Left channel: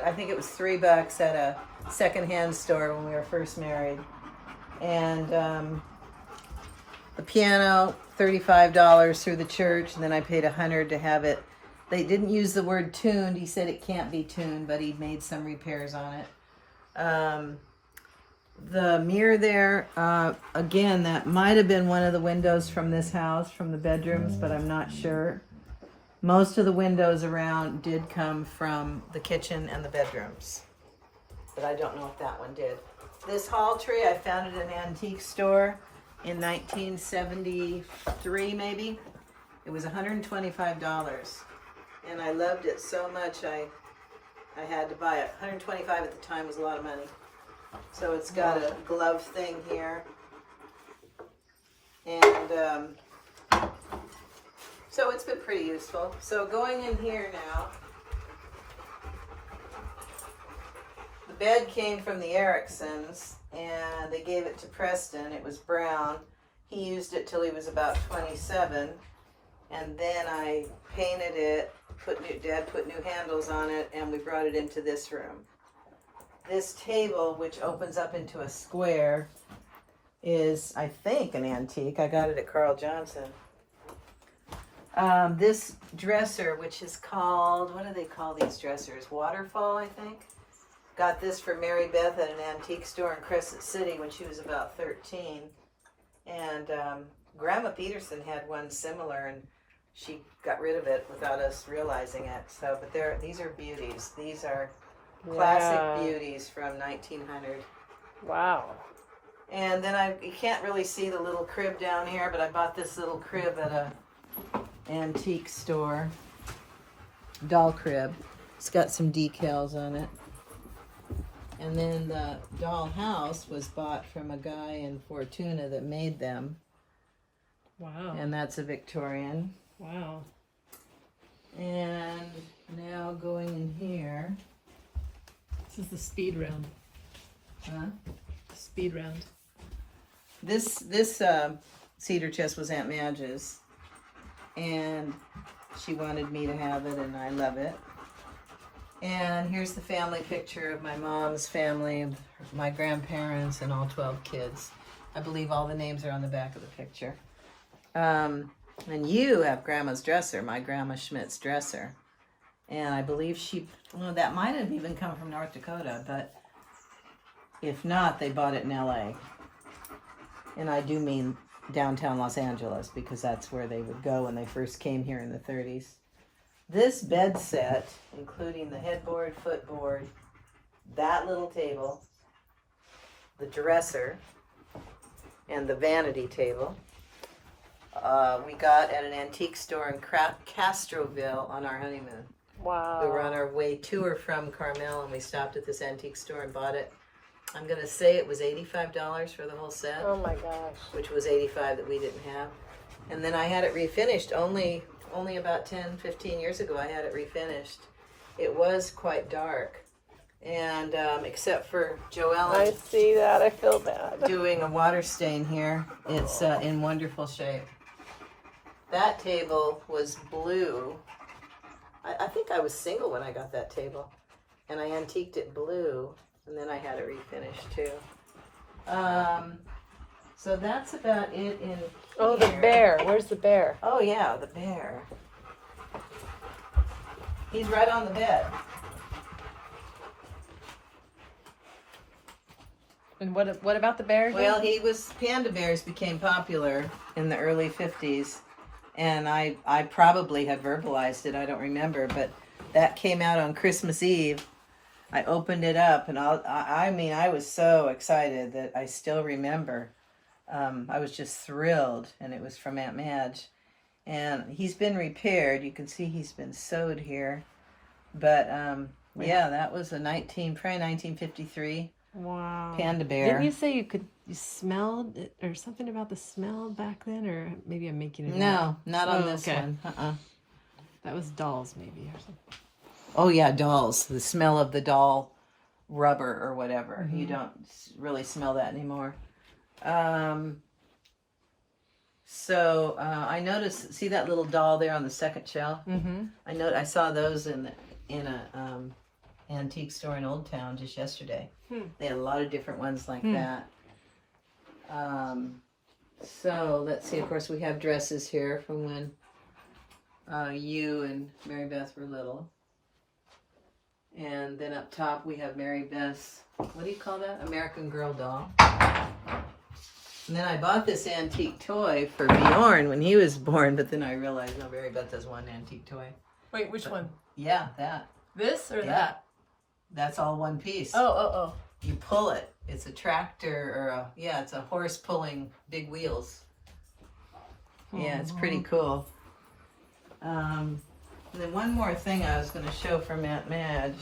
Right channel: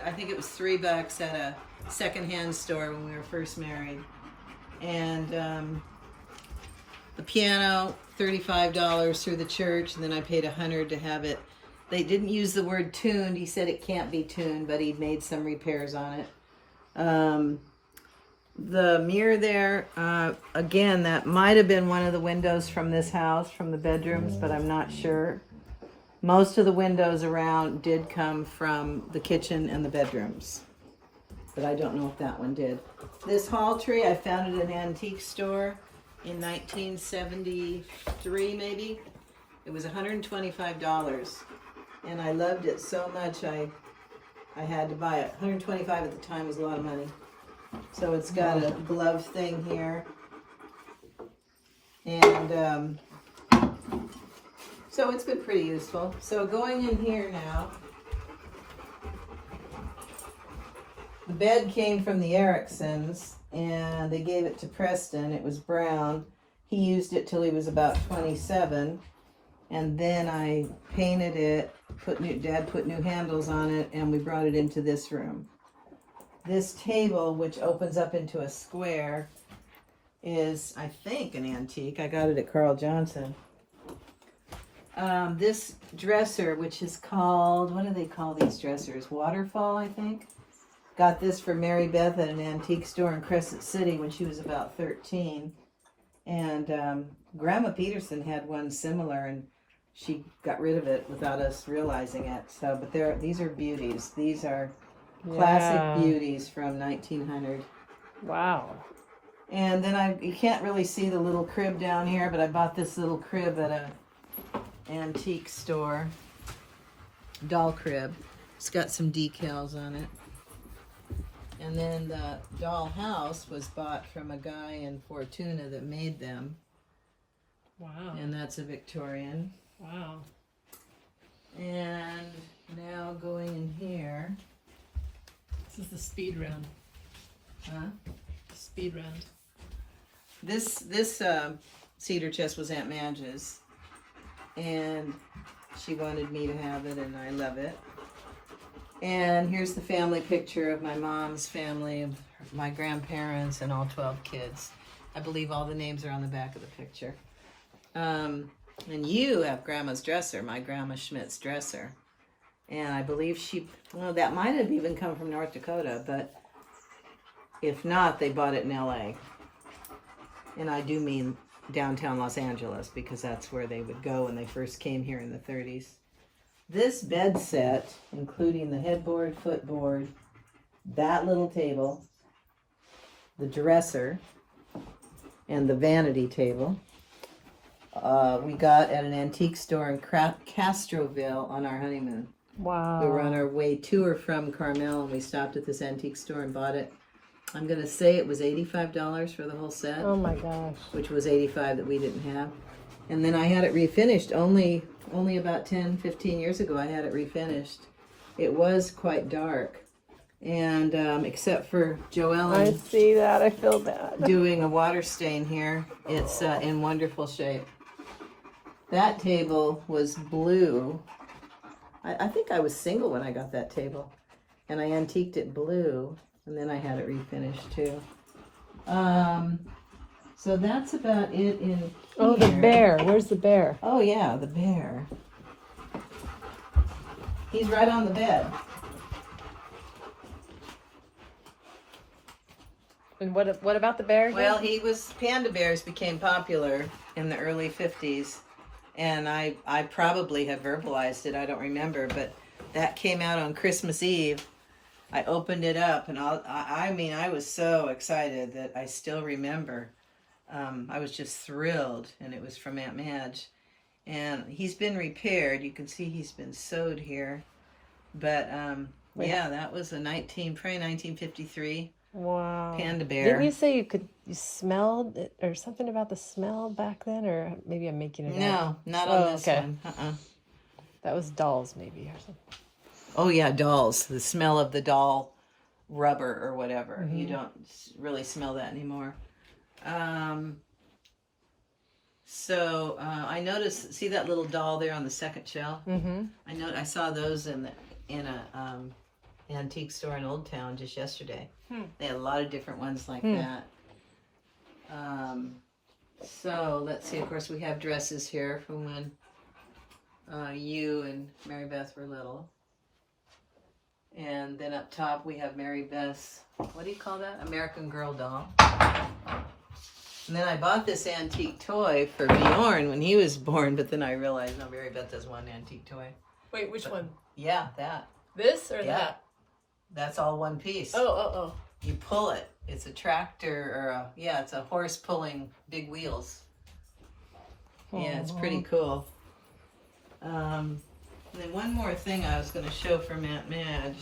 got, I think it was $3 at a secondhand store when we were first married. And the piano, $35 through the church, and then I paid $100 to have it. They didn't use the word tuned. He said it can't be tuned, but he made some repairs on it. The mirror there, again, that might have been one of the windows from this house, from the bedrooms, but I'm not sure. Most of the windows around did come from the kitchen and the bedrooms, but I don't know if that one did. This hall tree, I found it at an antique store in 1973, maybe. It was $125, and I loved it so much I had to buy it. $125 at the time was a lot of money. So it's got a glove thing here, and so it's been pretty useful. So going in here now, the bed came from the Ericksons, and they gave it to Preston. It was brown. He used it till he was about 27, and then I painted it, Dad put new handles on it, and we brought it into this room. This table, which opens up into a square, is, I think, an antique. I got it at Carl Johnson. This dresser, which is called, what do they call these dressers? Waterfall, I think. Got this for Mary Beth at an antique store in Crescent City when she was about 13. And Grandma Peterson had one similar, and she got rid of it without us realizing it. So, but these are beauties. These are classic beauties from 1900. Wow. And then you can't really see the little crib down here, but I bought this little crib at a antique store. Doll crib. It's got some decals on it. And then the doll house was bought from a guy in Fortuna that made them. Wow. And that's a Victorian. Wow. And now going in here. This is the speed round. Huh? Speed round. This cedar chest was Aunt Madge's, and she wanted me to have it, and I love it. And here's the family picture of my mom's family, my grandparents, and all 12 kids. I believe all the names are on the back of the picture. And you have Grandma's dresser, my Grandma Schmidt's dresser. And I believe that might have even come from North Dakota, but if not, they bought it in LA. And I do mean downtown Los Angeles, because that's where they would go when they first came here in the 30s. This bed set, including the headboard, footboard, that little table, the dresser, and the vanity table, we got at an antique store in Castroville on our honeymoon. Wow. We were on our way to or from Carmel, and we stopped at this antique store and bought it. I'm going to say it was $85 for the whole set. Oh my gosh. Which was $85 that we didn't have. And then I had it refinished only about 10, 15 years ago. I had it refinished. It was quite dark. And except for Joellen, I see that. I feel bad. doing a water stain here, it's in wonderful shape. That table was blue. I think I was single when I got that table, and I antiqued it blue, and then I had it refinished too. So that's about it in here. Oh, the bear. Where's the bear? Oh yeah, the bear. He's right on the bed. And what about the bear? Well, panda bears became popular in the early 50s. And I probably have verbalized it, I don't remember, but that came out on Christmas Eve. I opened it up, and I was so excited that I still remember. I was just thrilled, and it was from Aunt Madge. And he's been repaired. You can see he's been sewed here. But yeah, that was probably 1953. Wow. Panda bear. Didn't you say you smelled it, or something about the smell back then, or maybe I'm making it up? No, not on this one. That was dolls, maybe, or something. Oh yeah, dolls. The smell of the doll rubber or whatever. Mm-hmm. You don't really smell that anymore. So I noticed. See that little doll there on the second shelf? Mm-hmm. I saw those in antique store in Old Town just yesterday. Hmm. They had a lot of different ones like that. So let's see. Of course, we have dresses here from when you and Mary Beth were little. And then up top we have Mary Beth's, what do you call that? American Girl doll. And then I bought this antique toy for Bjorn when he was born, but then I realized, no, Mary Beth has one antique toy. Wait, which one? Yeah, that. This or Yeah. that? That's all one piece. Oh. You pull it. It's a tractor, or it's a horse pulling big wheels. Yeah, it's pretty cool. And then one more thing I was going to show from Aunt Madge.